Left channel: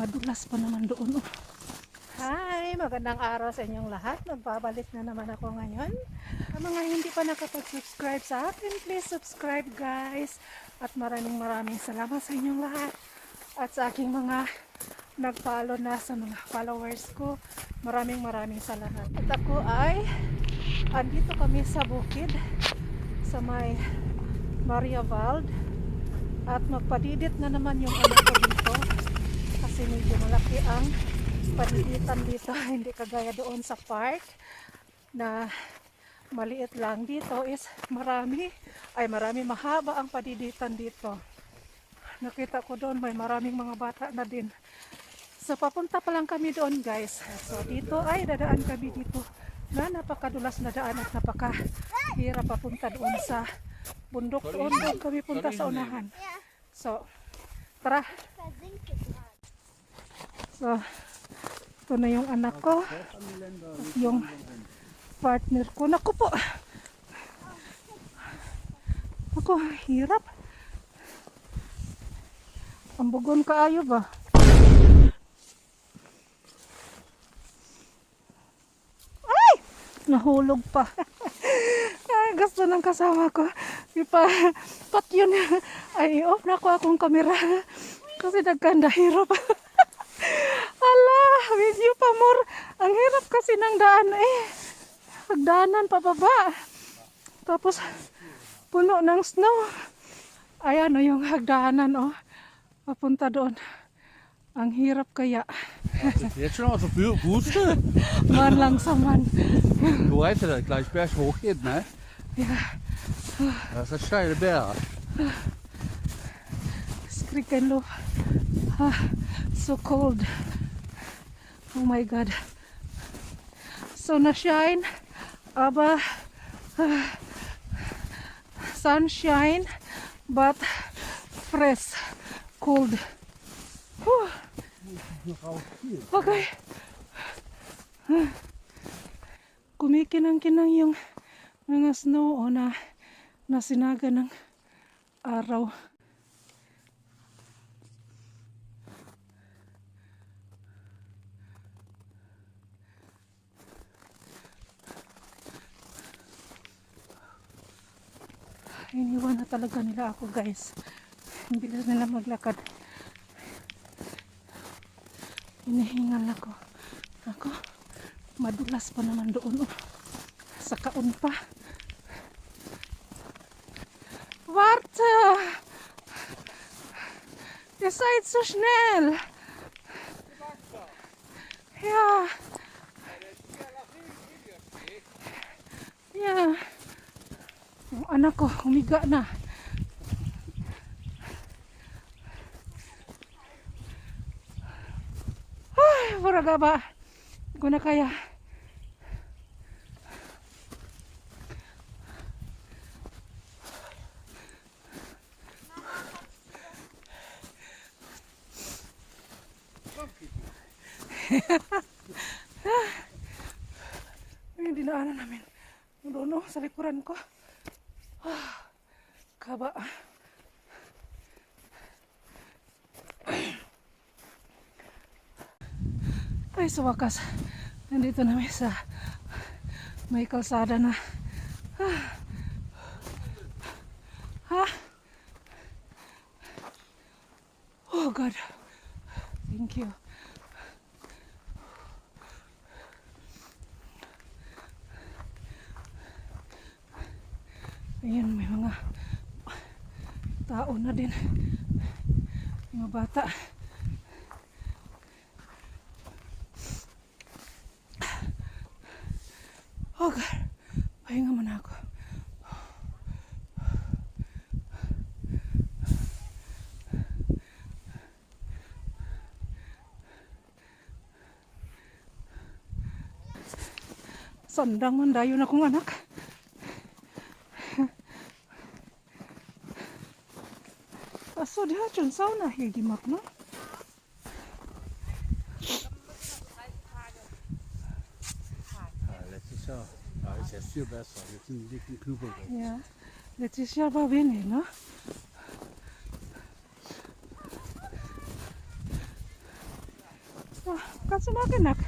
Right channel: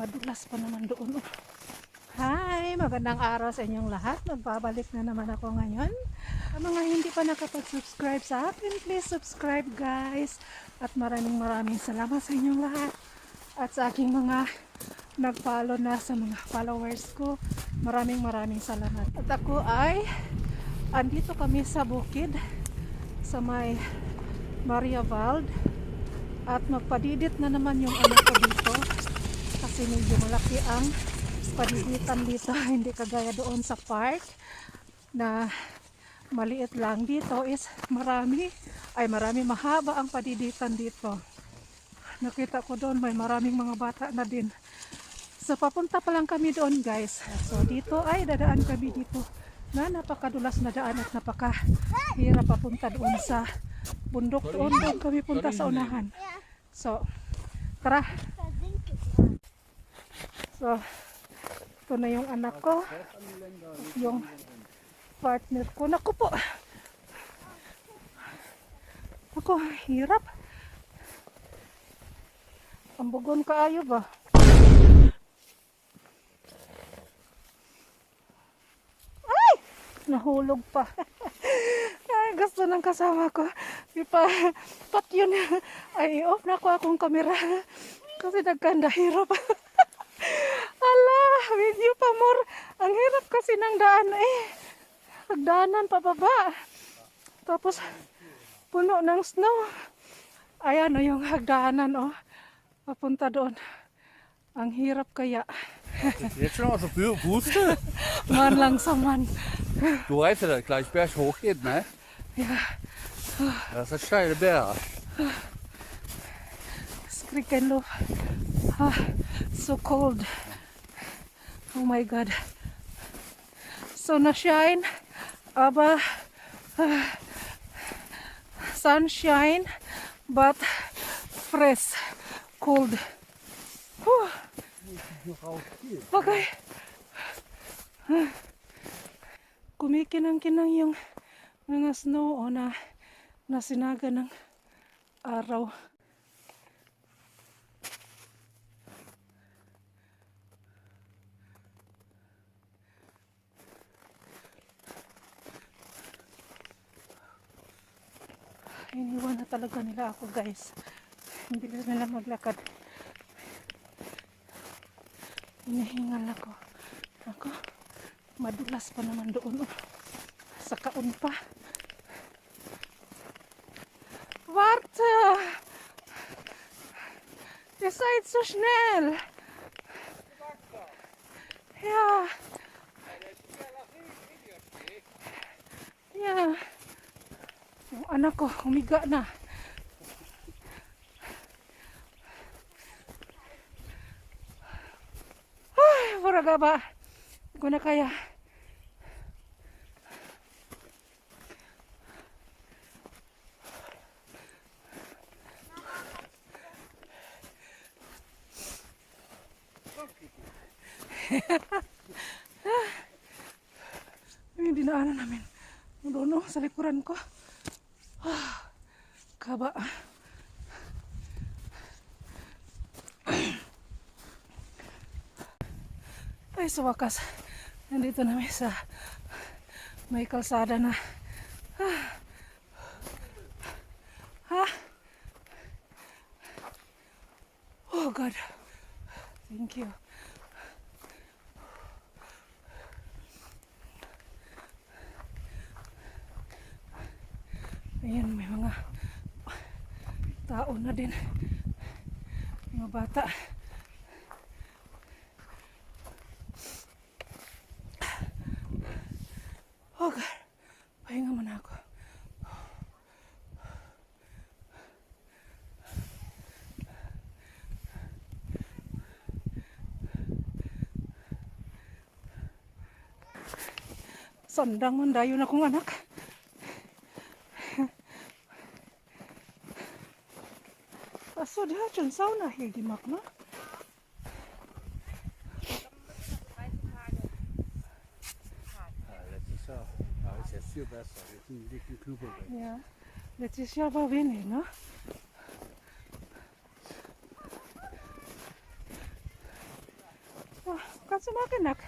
Madulas pa naman doon. Oh. Hi! Magandang araw sa inyong lahat. Magbabalik na naman ako ngayon. Sa mga hindi pa nakapag-subscribe sa akin, please subscribe guys. At maraming salamat sa inyong lahat. At sa aking mga nag-follow na sa mga followers ko, maraming salamat. At ako ay andito kami sa bukid sa may Maria Vald. At magpadidit na naman yung anak ko dito. Kasi medyo malaki ang padiditan dito. Hindi kagaya doon sa park na maliit lang. Dito is marami mahaba ang padiditan dito. Nakita ko doon may maraming mga bata na din. So papunta pa lang kami doon guys. So dito ay dadaan kami dito na napakadulas na daan at napakahirap papunta doon sa bundok. Doon kami punta sa unahan. So tara. So ito na yung anak ko, yung partner ko. Naku po, ako hirap. Ang bugon kaayo ba? Ay! Nahulog pa. Ay, gusto ng kasama ko. Pat yun. Ay, off na ko akong kamera. Kasi nagkanda hirap. Ala, video pa more. Ang hirap kasi ng daan eh. Pagdaanan pababa. Tapos, puno ng snow. Ayan o yung hagdanan o. Papunta doon. Ang hirap kaya. Jetzt schon aus der Puste. Man langsaman. Du weißt ja, dass gleich berg hoch geht, ne? Ja. Das ist steile Berg. Freaking low. So cold. Oh my God. Sunshine, aber sunshine, but fresh, cold. Okay. Kumikinang-kinang yung mga snow o na nasinaga ng araw. Iniwan na talaga nila ako guys. Ang bilis nila maglakad. Hinihingal ako. Ako, madulas pa naman doon. Oh. Sa kaon pa. Warte! Ihr seid so schnell! Ja. Ja. Yung anak ko, humiga na. Ay, buraga ba? Hindi ko na kaya. Yung dinaanan namin. Doon sa likuran ko. Kaba. Ay, sa wakas. Nandito namin sa may kalsada na. Oh God. Thank you. Ayan, may mga tao na din. Mga bata. Oh God. Pahinga muna ako. Sandang mandayo na kong anak. Achso, die hat schon Sauna hier gemacht, ne? Letztes Jahr war es ja viel besser. Jetzt sind die dicken Knüppel weg. Ja, letztes Jahr war wenig, ne? Kan semakin nak.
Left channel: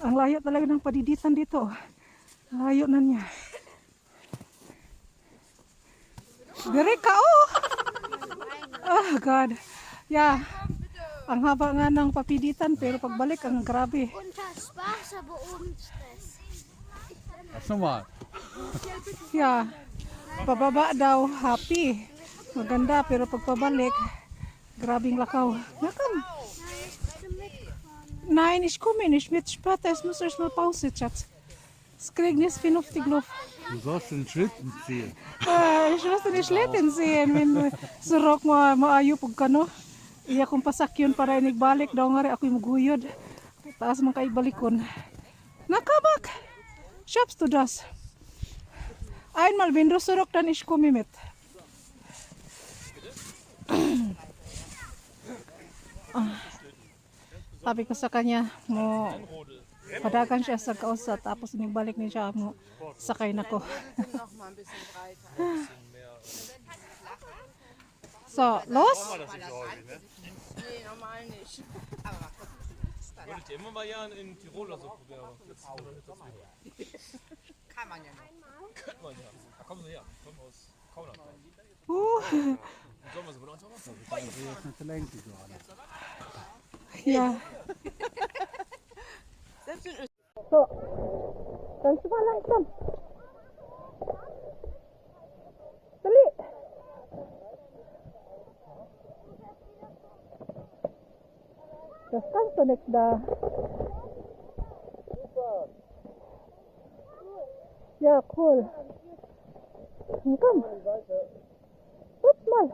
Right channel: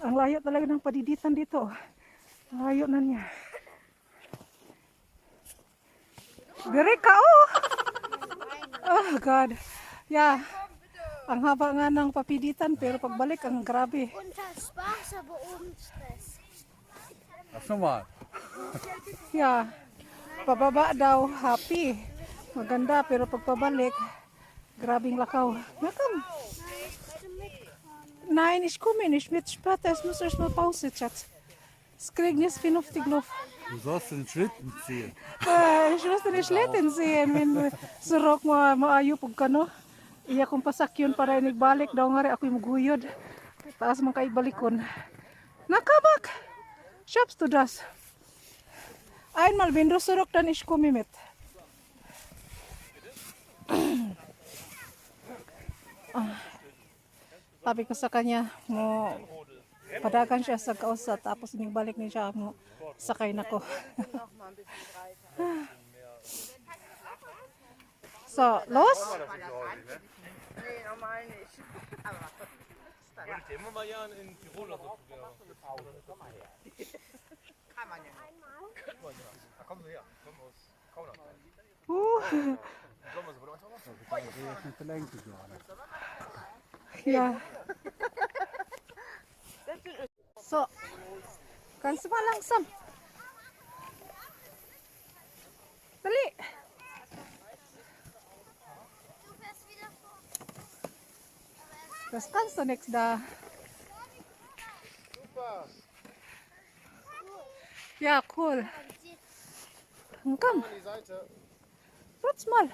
Ang layo talaga ng padiditan dito. Layo na niya. Diri ka oh! Oh God. Yeah. Ang haba nga ng papiditan pero pagbalik ang grabe. Unter Spaß, aber ohne Stress. Lass nochmal. Yeah. Pababa daw happy. Maganda pero pagpabalik grabing lakaw. Nakam. Nein, ich komme nicht mit später. Es muss erst mal Pause, Schatz. Es kriegt nicht 50 Luft. Du sollst den Schlitten ziehen. Ich muss den Schlitten sehen. Wenn surok mo maayo pag kano. Iya kong pasakyon para inigbalik daw nga rin ako'y maguyod. Taas man kay balikon. Nakabak! Shops to das. Einmal wenn du surok dann ich komme mit. Sabi ko sa kanya, mo padagan siya sa kausa tapos inigbalik niya siya mo sakay na ko. So, los? Wollte ich immer mal ja in Tirol oder so probieren. Kann man ja nicht. Könnte man ja. Da kommen sie her. Kommen aus Kaudertal. Sollen wir sie von uns auch noch? Das ist nicht verlängert gerade. Ja. So, kannst du mal langsam? Dali. Das kannst du nichts da. Ja, cool. Komm. Rutsch mal.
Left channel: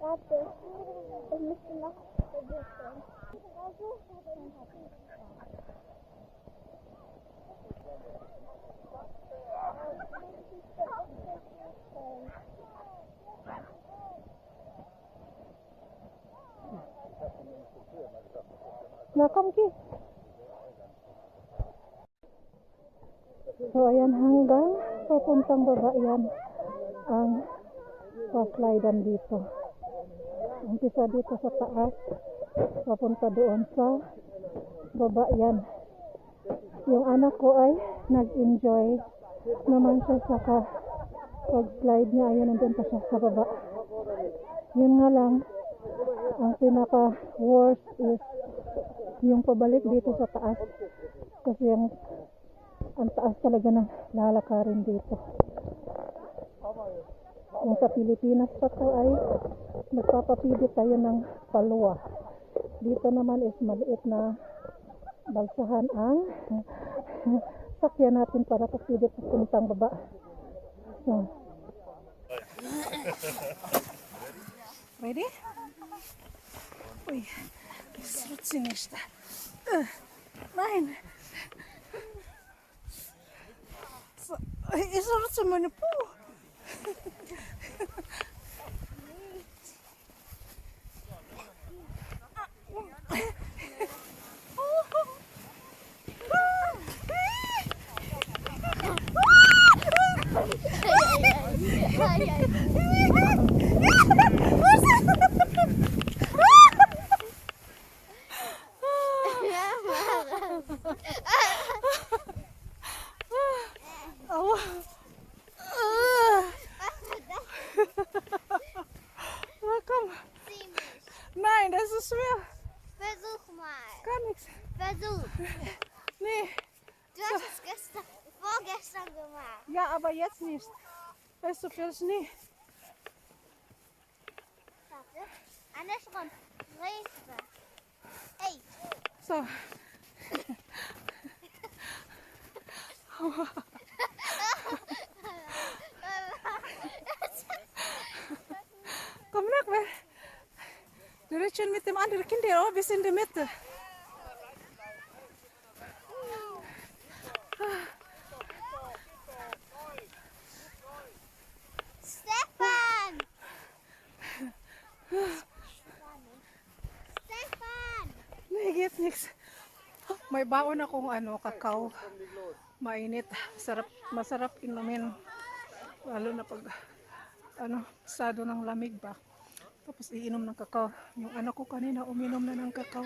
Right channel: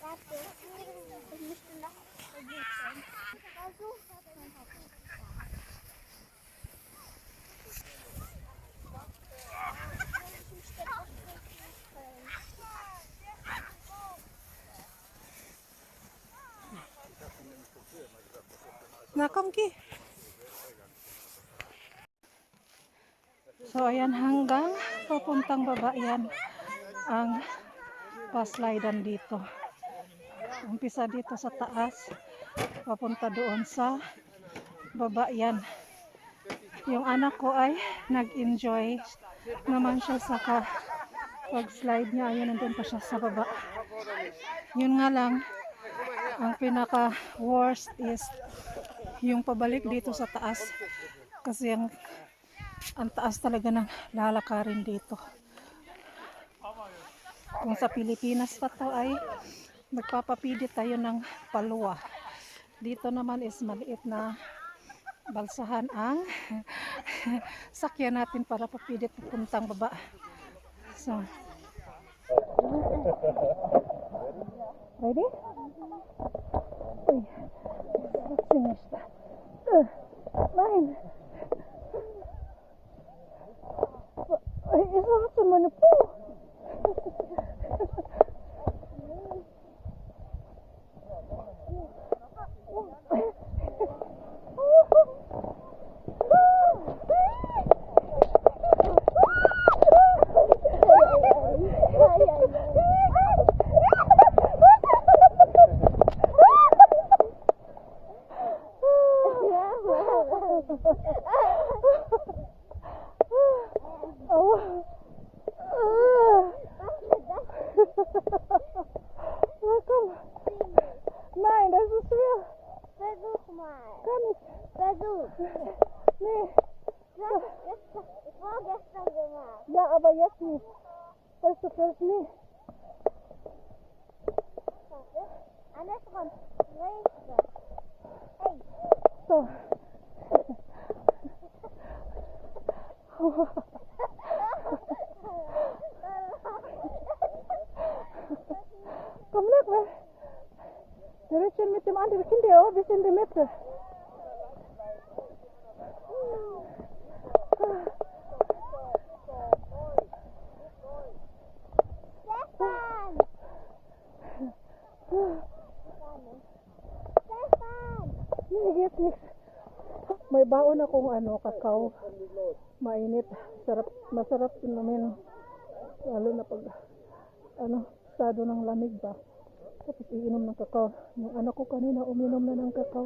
Warte, ich möchte noch vergessen. Nakam ki. So ayan hanggang papuntang baba yan ang paslidan dito. Umpisa dito sa taas papunta doon sa baba yan. Yung anak ko ay nag-enjoy naman siya sa pag-slide niya. Ayun, nandun pa siya sa baba. Yun nga lang, ang pinaka worst is yung pabalik dito sa taas. Kasi ang taas talaga ng lalakarin dito. Kung sa Pilipinas pa to ay magpapapidit tayo ng palwa. Dito naman is maliit na balsahan ang sakyan natin para papidit papuntang baba. So, ready? Uy, srutsinishita. Nein. Isurutsu mo na po. Oh. Komm. Nein, das ist schwer. Versuch mal. Gar nichts. Versuch. Nee. Du hast es vorgestern gemacht. Ja, aber jetzt nicht. Da ist so viel Schnee. Warte. Andersrum. Briefe. Hey. So. Komm nach, weil der ist schon mit dem anderen Kind hier auch bis in die Mitte. Stefan! Stefan! Nee, geht's nichts. May baon akong kakao. Mainit. Masarap inumin. Lalo na pag sado ng lamig ba. Tapos iinom ng kakao. Yung anak ko kanina uminom na ng kakao.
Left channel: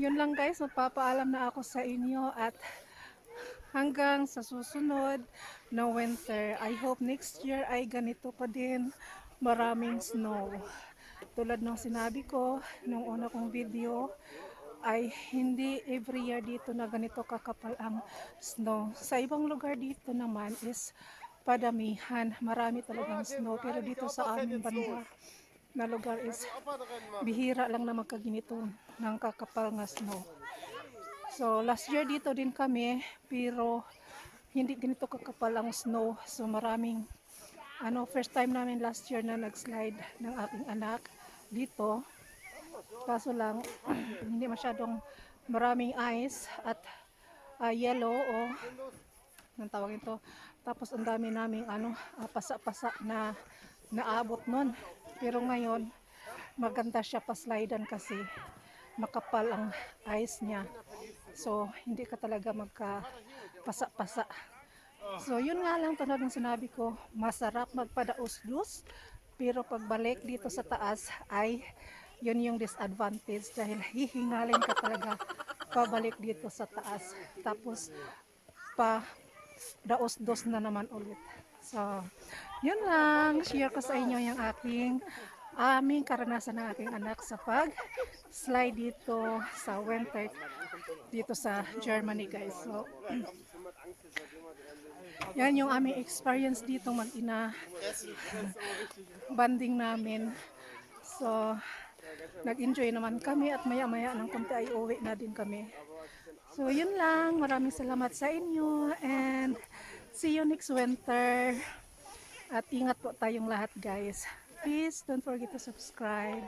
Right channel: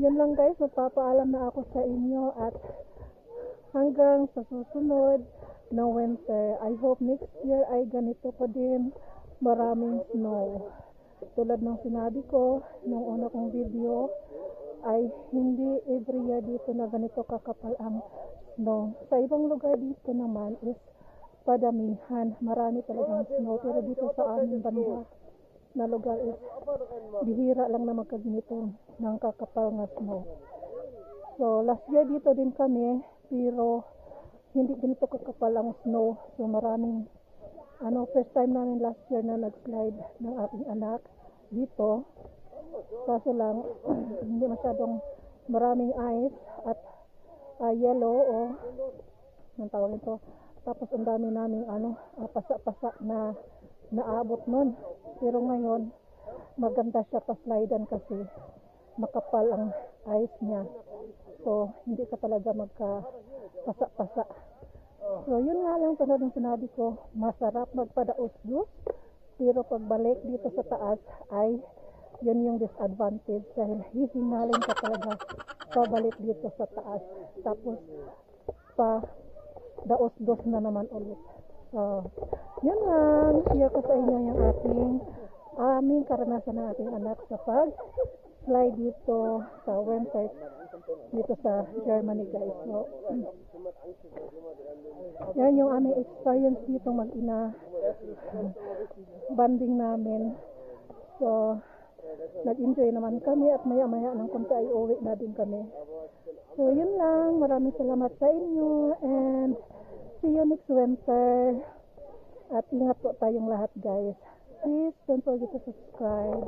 Yun lang guys, magpapaalam na ako sa inyo at hanggang sa susunod na winter. I hope next year ay ganito pa din. Maraming snow. Tulad ng sinabi ko nung una kong video, ay hindi every year dito na ganito kakapal ang snow. Sa ibang lugar dito naman is padamihan. Marami talagang snow. Pero dito sa aming banda na lugar is bihira lang na magkaginito ng kakapal nga snow. So last year dito din kami pero hindi ganito kakapal ang snow. So maraming first time namin last year na nag-slide ng aking anak dito. Kaso lang hindi masyadong maraming ice at yellow o anong tawag ito. Tapos ang dami naming pasa-pasa na naabot nun. Pero ngayon maganda siya pa-slidean kasi makapal ang ice niya. So hindi ka talaga magka-pasa-pasa. So yun nga lang tulad ng sinabi ko, masarap magpadaos-dos. Pero pagbalik dito sa taas ay yun yung disadvantage dahil hihingalin ka talaga pabalik dito sa taas. Tapos pa daos-dos na naman ulit. So yun lang, share ko sa inyo yung aming karanasan ng aking anak sa pag-slide dito sa winter dito sa Germany guys. So yan yung aming experience dito mag-ina banding namin. So nag-enjoy naman kami at maya-maya ng konti ay uwi na din kami. So yun lang, maraming salamat sa inyo and see you next winter. At ingat po tayong lahat guys. Please don't forget to subscribe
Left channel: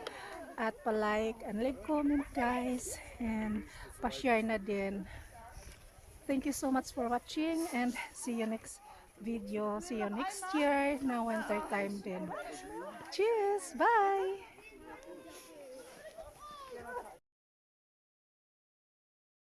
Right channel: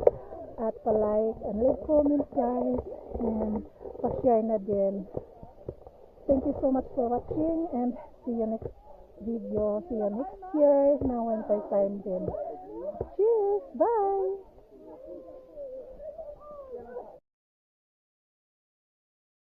at pa-like and leave comment guys and pa-share na din. Thank you so much for watching and see you next video. See you next year na winter time din. Cheers! Bye!